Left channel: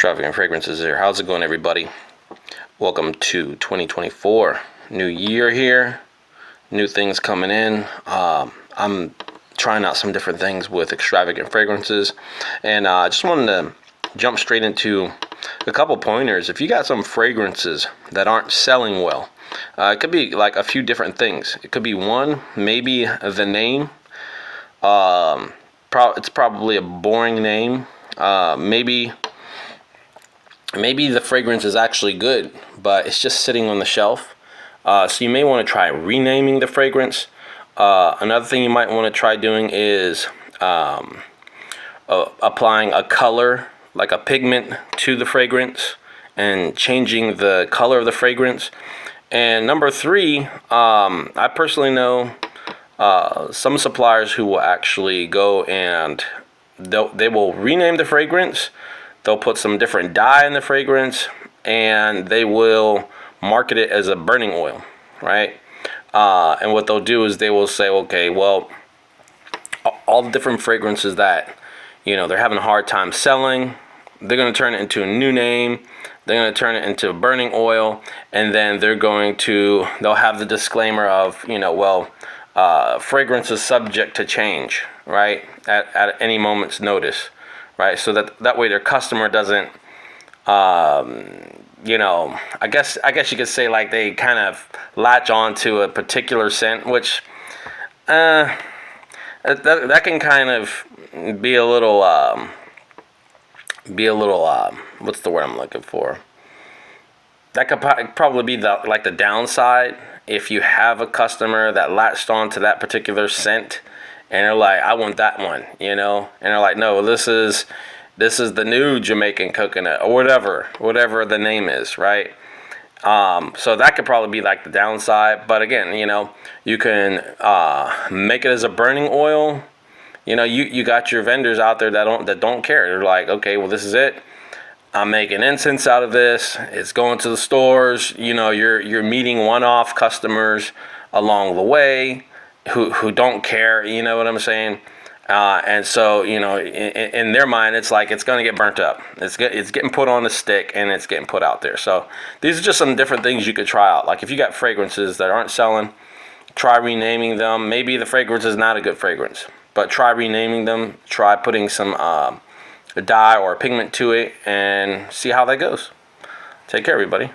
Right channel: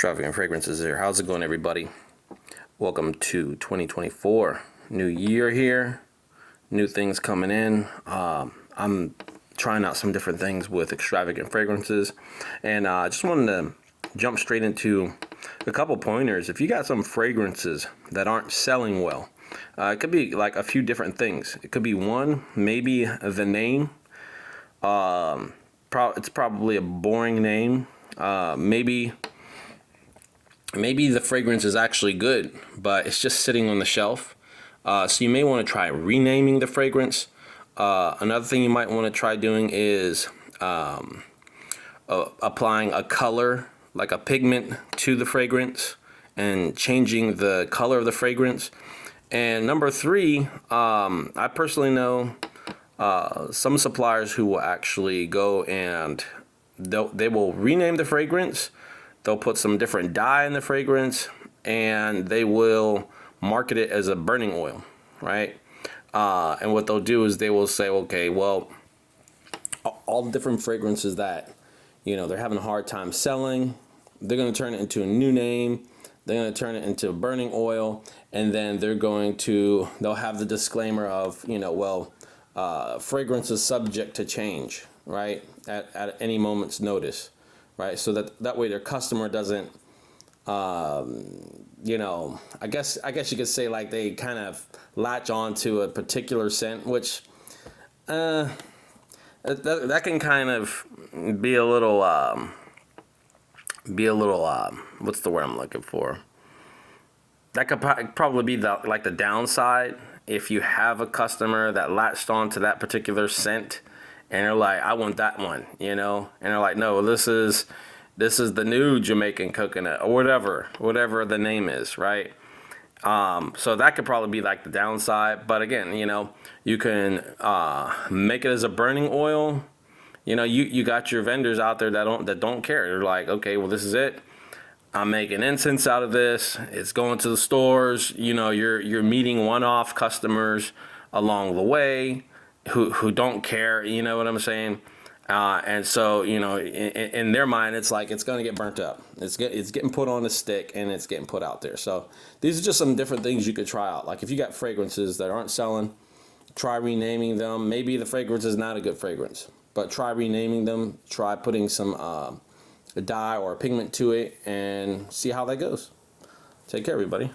Extravagant Fragrances here. How's it going, everybody? Welcome to 2024. New year here. New things coming in. I'm trying out some different things with Extravagant Fragrances. And I just wanted to jump straight into a couple pointers. If you got some fragrances that aren't selling well, it could be like a few different things. It could be one, maybe the name. It's probably a boring name. Maybe the fragrance is actually good, but it's just sitting on the shelf. So you may want to try renaming the fragrance. Another thing you might want to try doing is applying a color, like a pigment, to the fragrance and changing the color of the fragrance. And number three, I personally know some suppliers who will actually go and they will rename the fragrance. They'll put some different dye in the fragrance, and they will market it as a burning oil, right? And what they'll do is they will say, okay, well, all the different fragrances that, they're having a hard time selling, they're going to turn it into a new name. They're going to turn it into burning oil, and then they'll have the disclaimer of, fragrance is subject to change, right? At any moment's notice. Right, so that way their customer doesn't, I guess you could say like they kind of latch on to a particular scent, which that can kind of be a little what's the word I'm looking for? That could probably be the downside if you have a customer that latched on to that particular scent. And they're like, I want that one, And they're like, no, this is the new Jamaican coconut or whatever the name is, right? So that could probably be like the downside. But again, you can make it as a burning oil. You got your vendors out there that don't care. They're like, okay, well, this is it. I'm making incense out of this. It's going to the stores. You're meeting one-off customers along the way. Who don't care, you know what I'm saying? And so, in their mind, it's like it's going to get burnt up. It's getting put on a stick, and it's getting put out there. So these are just some different things you could try out. Like if you got fragrances that aren't selling, try renaming them. Maybe the fragrance is not a good fragrance, but try renaming them. Try putting some a dye or a pigment to it and see how that goes. Take care, everybody.